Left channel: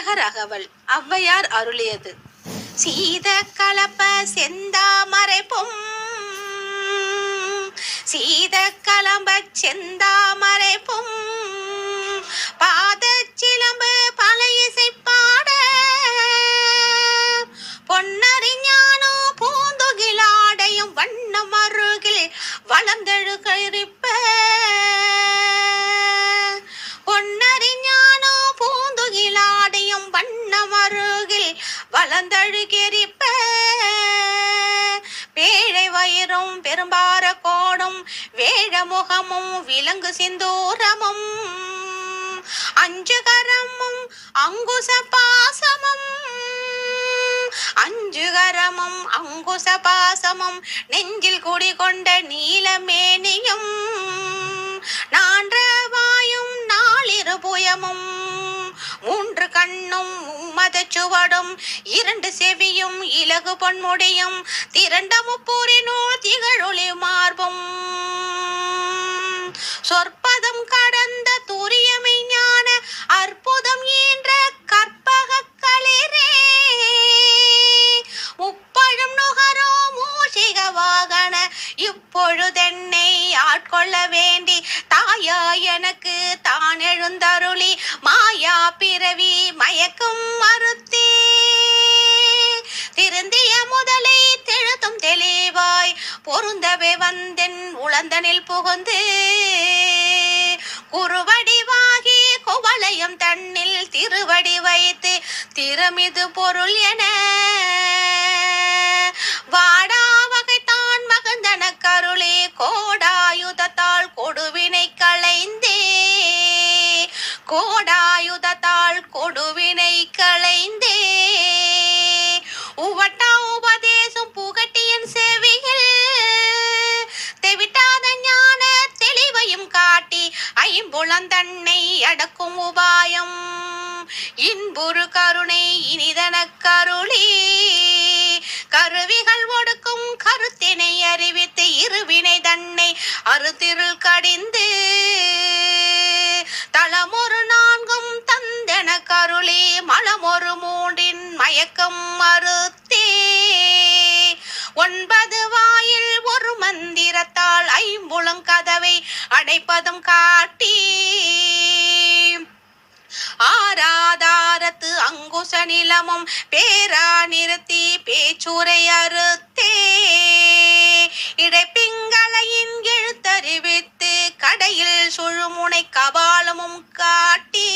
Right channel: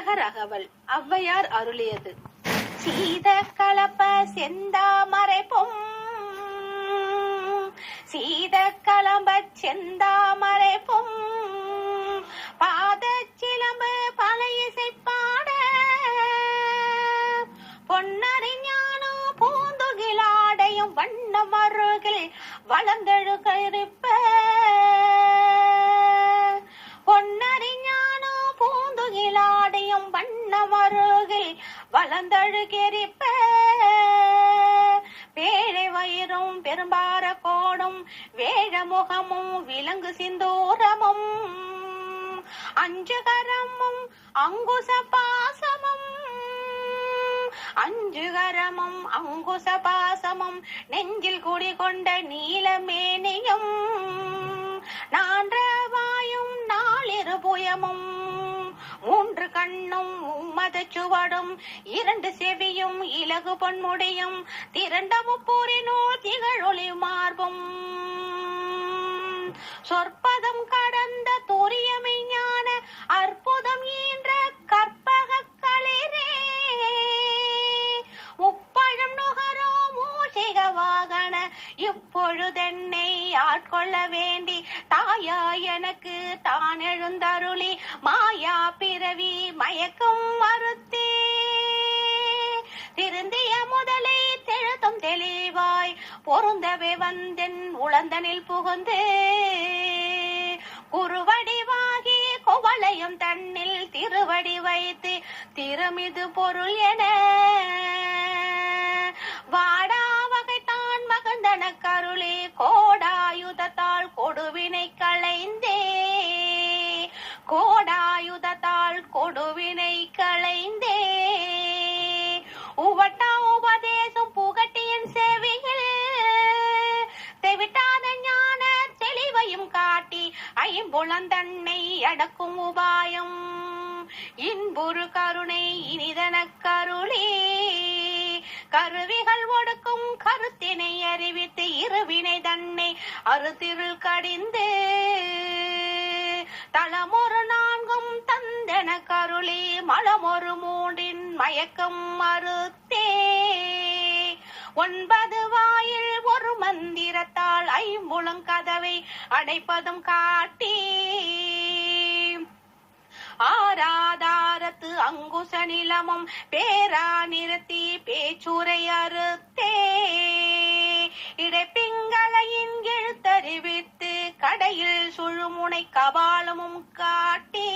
விநாயகர் அகவல் ஔவையார் அருளியது. சீத கலப்ப செந்தாமரை பொம் சீத கலம்ப செந்தாமரை பொம் பாத சிலம்பு பல இசை பாட பொன்னறிஞானோ பூந்துகிலாடையும் வண்ணம் அருகில் வளர்ந்தெழுகரிப்ப பொன்னறிஞானோ பூந்துகிலாடையும் வண்ணம் அருகில் வளர்ந்தழுகெரிப்ப பேழை வயிறும் பெரும்பார கோடும் வேழமுகமும் விலங்கு சிந்தூரமும் அஞ்சுகரமும் அங்குச பாசமும் அஞ்சுகரமும் அங்குச பாசமும் நெஞ்சில் குடிகொண்ட நீலமேனியும் நான்றவாயும் நாளிருபுயமும் மூன்று கண்ணும் மதச்சுவடும் இரண்டு செவியும் இலகு பொன்முடியும் திரண்ட முப்பூரினூர் திகழொளி மார்பும் சொற்பதம் கடந்த துரியமை ஞான அற்புதம் ஈன்ற கற்பக களிரே முப்பழும் நுகரோ மூஷிக வாகன இப்பொழுதென்னை ஆட்கொள்ள வேண்டி தாயா எனக்கு தான் எழுந்தருளி மாயா பிறவி மயக்கம் மறுத்தே திருந்திய முதலை தெழுத்தும் தெளிவாய் பொருந்தவே வந்தென் உளந்தனில் புகுந்து குறுவடிவாகி குவளையம் தன்னில் திருவடி வைத்து திறமிது பொருள் என வாடா வகைத்தான் மகந்தன கருளே கோடாயுதத்தால் கொடுவினை களைந்தே கோடாயுதத்தால் கொடுவினை களைந்தே உவட்டா உபதேசம் புகட்டியன் செவியில் தெவிட்டாத ஞான தெளிவையும் காட்டி ஐம்புலந்தன்னை அடக்கும் உபாயம் இன்புறு கருணை இனிதன கருளே கருவிகள் ஒடுக்கும் கருத்தினை அறிவித்து இருவினை தன்னை அறுதிருள் கடிந்து தளமொரு நான்கும் தந்தன கருளே மலமொரு மூன்றின் மயக்கம் மறுத்தே ஒன்பது வாயில் ஒரு மந்திரத்தால் ஐம்புலம் கதவை அடைப்பதும் காட்டி ஆராதாரத்து அங்குச நிலமும் பேரா நிறுத்தி பேச்சுரை அறுத்தே இடைப்பிங்களையின் எழுத்தறிவித்து கடையில் சுழுமுனை கபாலமும் காட்டி